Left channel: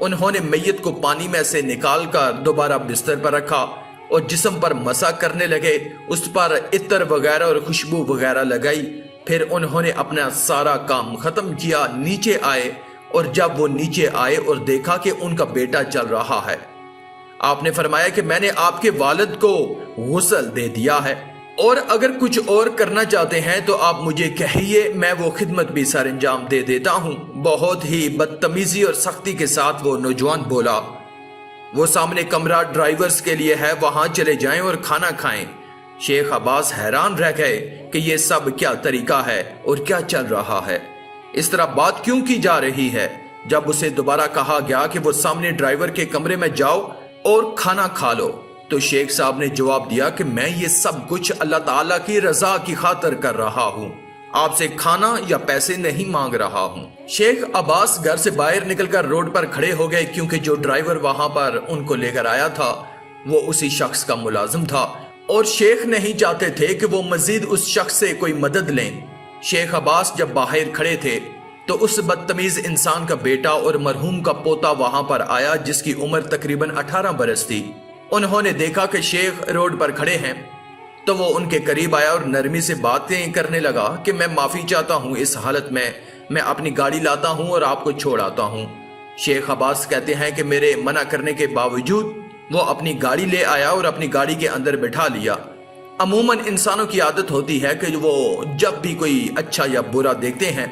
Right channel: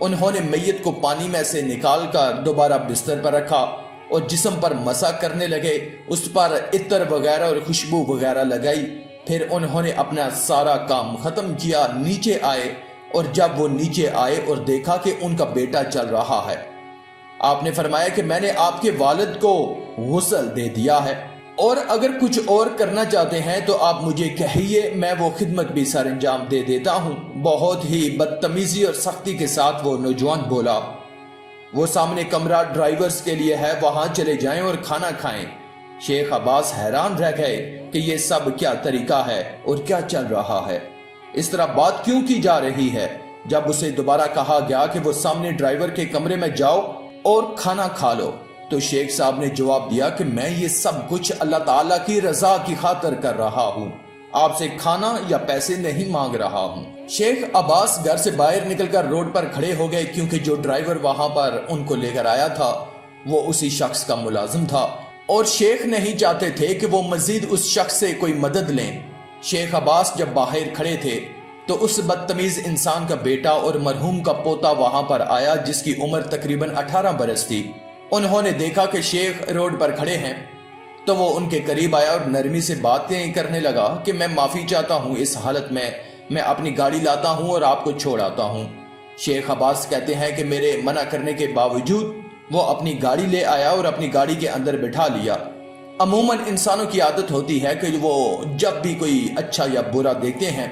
انہوں نے میت کو پانی میں سے نکال کر دوبارہ بستر پر رکھا اور جسم پر مسح کرنے لگے، اس پر عطر وغیرہ اور خوشبو وغیرہ لگائی۔ پھر انہوں نے اپنا سارا کام ختم کیا، نیچے آئے، اور جب وہ نیچے آئے اور دیکھا کہ ان کا بیٹا چل رہا ہے، آپ نے فرمایا کہ میں نے آپ کے والد کو غسل دے دیا ہے، اور اگر کچھ اور کرنا چاہتے ہیں تو آپ مجھے کہیے، میں وہ خدمت بھی سر انجام دے دیتا ہوں۔ بہت ہی بدتمیزی اور سختی کے ساتھ وہ نوجوان بولا، وہ سامنے کمرہ ڈرائیورز کے لیے ہے، وہاں چلے جائیں اور کھانا کھائیں۔ شیخ عباس حیران رہ گئے کہ یہ سب کیا طریقہ ہے اور کیا چل رہا ہے، اس طرح بات کیوں کی جا رہی ہے۔ جب اسے دوبارہ کہا گیا کہ وہ سامنے ڈرائیور کے کمرے میں جاؤ اور کھانا کھا لو، تو شیخ صاحب نے جواب دیا کہ میں یہ سب کچھ اللہ تعالیٰ کی رضا کی خاطر کر رہا ہوں، آپ سے کھانا یا پیسے نہیں مانگ رہا ہوں۔ شیخ عباس گھر سے باہر نکل کر روڈ پر کھڑے ہو گئے، کیونکہ جو ڈرائیور وہاں پر ان کو لے کر آیا تھا وہ اسی شخص کا ملازم تھا، اور شیخ نہیں چاہتے تھے کہ وہ مزید اس شخص سے کوئی مدد لیں۔ شیخ عباس جب باہر کھڑے تھے تو اس بدتمیز انسان کا بیٹا اور مرحوم کا پوتا وہاں پر آیا، جس کی عمر تقریباً 18 برس تھی۔ انہوں نے دیکھا کہ شیخ روڈ پر کھڑے ہیں تو وہ ان کے قریب آیا اور نرمی سے باتیں کرنے لگا کہ میں معافی چاہتا ہوں، اس حالت میں اپنی گاڑی لاتا ہوں اور آپ کو چھوڑ آتا ہوں۔ شیخ عباس کہتے ہیں کہ میرے منع کرنے کے باوجود وہ اپنی گاڑی لے آیا اور اپنی گاڑی کے اندر بٹھا لیا۔ عموماً انسانوں کی عادت ہوتی ہے کہ وہ جب بھی کوئی اچھا یا برا دیکھتے ہیں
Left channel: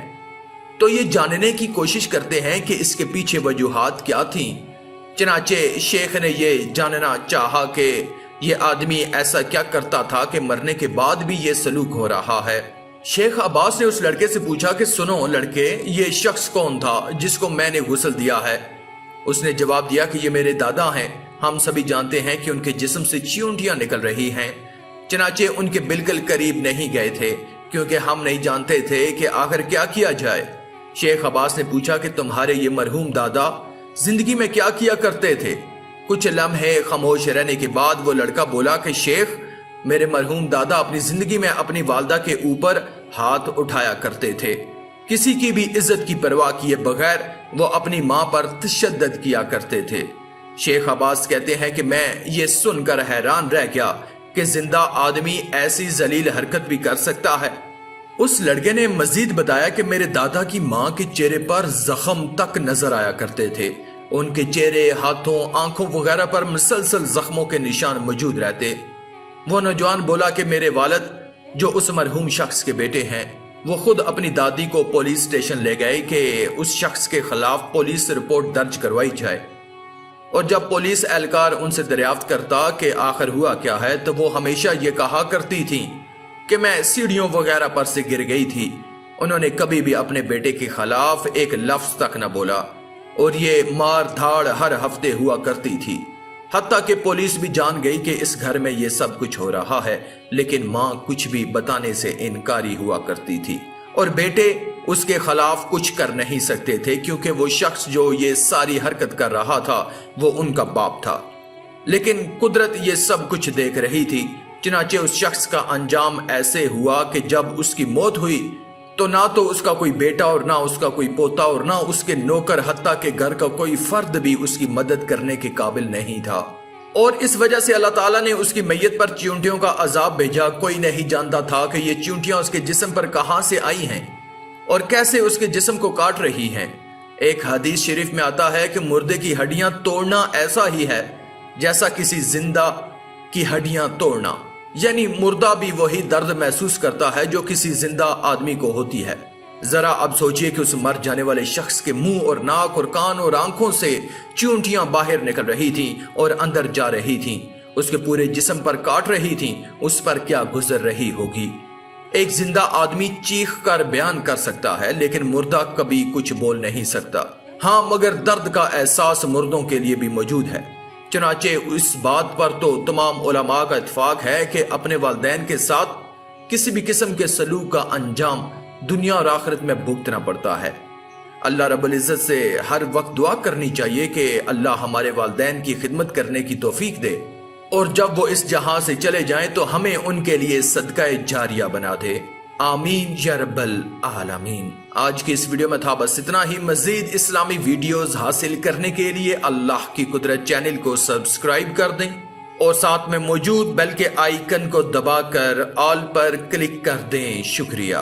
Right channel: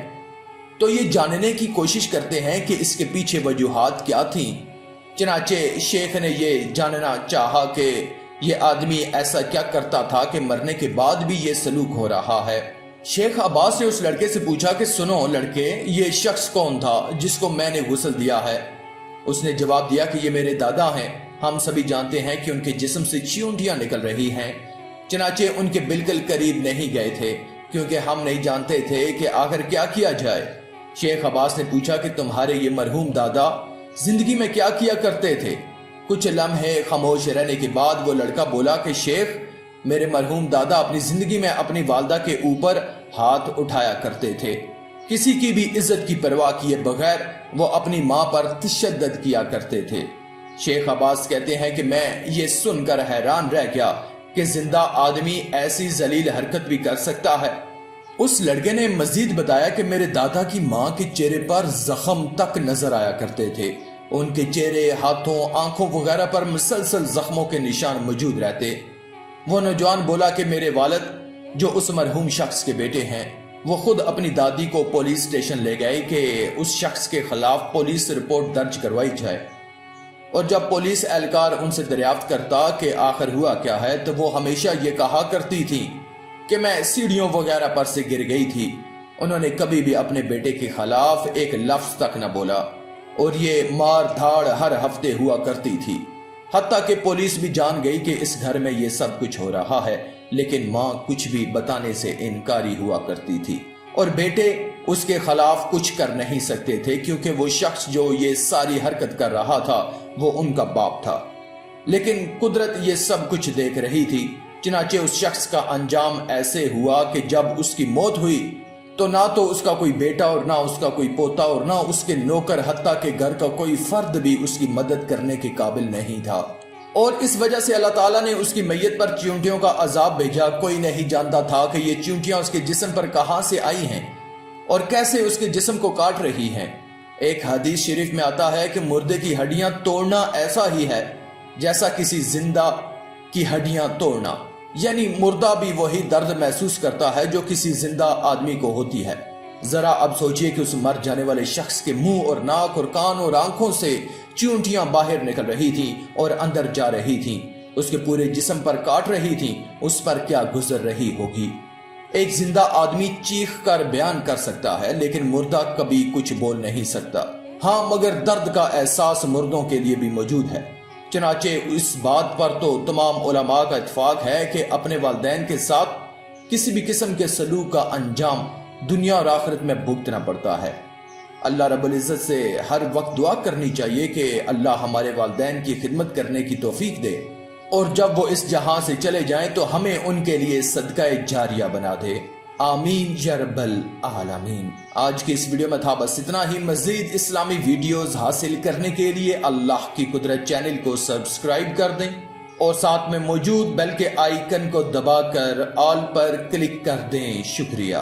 تو یہ جاننے کی کوشش کرتے ہیں کہ اس کے پیچھے وجوہات کیا تھیں۔ چنانچہ شیخ نے یہ جاننا چاہا کہ یہ آدمی ایسا کیا کرتا تھا کہ مرنے کے بعد بھی یہ سلوک ہو رہا ہے۔ شیخ عباس نے اس لڑکے سے پوچھا کہ سنو لڑکے، یہ شخص کون تھا جس کو میں نے غسل دیا ہے؟ اس نے جواب دیا کہ یہ میرے دادا ہیں، ہم سبھی جانتے ہیں کہ ان کے جسم سے چیونٹیاں نکل رہی ہیں، چنانچہ ان کے بالکل قریب نہیں گئے تھے کیونکہ ہم نہیں جانتے تھے کہ آخر کیا کیا جائے۔ شیخ عباس نے پوچھا کہ تمہارے یہ مرحوم دادا زندگی میں کیا کیا کرتے تھے؟ کچھ لمحے خاموش رہنے کے بعد وہ لڑکا بولا کہ شیخ، میرے مرحوم دادا اپنی زندگی میں اپنی والدہ کے اوپر ہاتھ اٹھایا کرتے تھے، کسی کی بھی عزت کی پرواہ کیے بغیر وہ اپنی ماں پر تشدد کیا کرتے تھے۔ شیخ عباس کہتے ہیں کہ میں یہ سن کر حیران رہ گیا کہ زندہ آدمی ایسی ذلیل حرکت بھی کر سکتا ہے۔ اس لڑکے نے مزید بتایا کہ میرے دادا کی ماں کے چہرے پر زخم تک نظر آیا کرتے تھے، ان کے چہرے، ہاتھوں، آنکھوں وغیرہ پر مسلسل زخموں کے نشان موجود رہتے۔ وہ نوجوان بولا کہ میرے والد جو اس مرحوم شخص کے بیٹے ہیں، وہ خود اپنی دادی کو پولیس اسٹیشن لے گئے کہ اس شخص کے خلاف پولیس رپورٹ درج کروائی جائے، اور جب پولیس اہلکار ان سے دریافت کرتا کہ آخر ہوا کیا ہے تو وہ ہمیشہ یہ کہا کرتی تھی کہ میں سیڑھیوں وغیرہ پر سے گر گئی تھی۔ انہوں نے کبھی بھی اپنے بیٹے کے خلاف ایک لفظ تک نہ بولا، اور یہ مار دھاڑ ہر ہفتے ہوا کرتی تھی، حتیٰ کہ پولیس بھی جان گئی کہ اس گھر میں یہ سب کچھ ہو رہا ہے، لیکن ماں کچھ بھی بتانے سے انکاری ہوا کرتی تھی، اور بیٹے اس کے خلاف کچھ کر نہیں سکتے تھے کیونکہ وہ شخص جو یہ ساری حرکت کر رہا تھا وہ ان کا باپ تھا۔ لیکن قدرت یہ سب کچھ دیکھ رہی تھی، چنانچہ اس شخص کا انجام ایسے ہوا کہ جب اس کی موت ہوئی تو نہ تو اس کا کوئی بیٹا اور نہ اس کا کوئی پوتا اور نہ اس کے نوکر، حتیٰ کہ گھر کا کوئی فرد بھی اس کی مدد کرنے کے قابل نہیں تھا، اور اس وجہ سے اللہ تعالیٰ نے اس کی میت پر چیونٹیوں کا عذاب بھیجا۔ کوئی نہیں جانتا تھا کہ یہ چیونٹیاں اس کے جسم پر کہاں سے آئی ہیں اور کیسے اس کے جسم کو کاٹ رہی ہیں۔ ایک حدیث شریف میں آتا ہے کہ مردے کی ہڈیاں توڑنا ایسا ہی ہے جیسا کسی زندہ کی ہڈیاں توڑنا، یعنی مردہ بھی وہی درد محسوس کرتا ہے جو کسی زندہ آدمی کو ہوتی ہے۔ ذرا اب سوچئے کہ اس مر جانے والے شخص کے منہ اور ناک اور کان اور آنکھوں سے چیونٹیاں باہر نکل رہی تھیں اور اندر جا رہی تھیں، اس کے پورے جسم پر کاٹ رہی تھیں، اس پر کیا گزر رہی ہوگی۔ ایک زندہ آدمی چیخ کر بیان کر سکتا ہے لیکن مردہ کبھی کچھ بول نہیں سکتا، ہاں مگر درد کا احساس مردوں کے لیے بھی موجود ہے۔ چنانچہ اس بات پر تو تمام علماء کا اتفاق ہے کہ اپنے والدین کے ساتھ کسی بھی قسم کے سلوک کا انجام دنیا اور آخرت میں بھگتنا پڑتا ہے۔ اللہ رب العزت سے ہر وقت دعا کرنی چاہیے کہ اللہ ہمارے والدین کی خدمت کرنے کی توفیق دے، اور جب وہ اس جہاں سے چلے جائیں تو ہمیں ان کے لیے صدقہ جاریہ بنا دے۔ آمین یا رب العالمین۔ آج کی اس ویڈیو میں تھا بس اتنا ہی۔ مزید اسلامی ویڈیوز حاصل کرنے کے لیے اللہ کی قدرت چینل کو سبسکرائب کر دیں اور ساتھ میں موجود بیل کے آئیکن کو دبا کر آل پر کلک کر دیں۔ شکریہ۔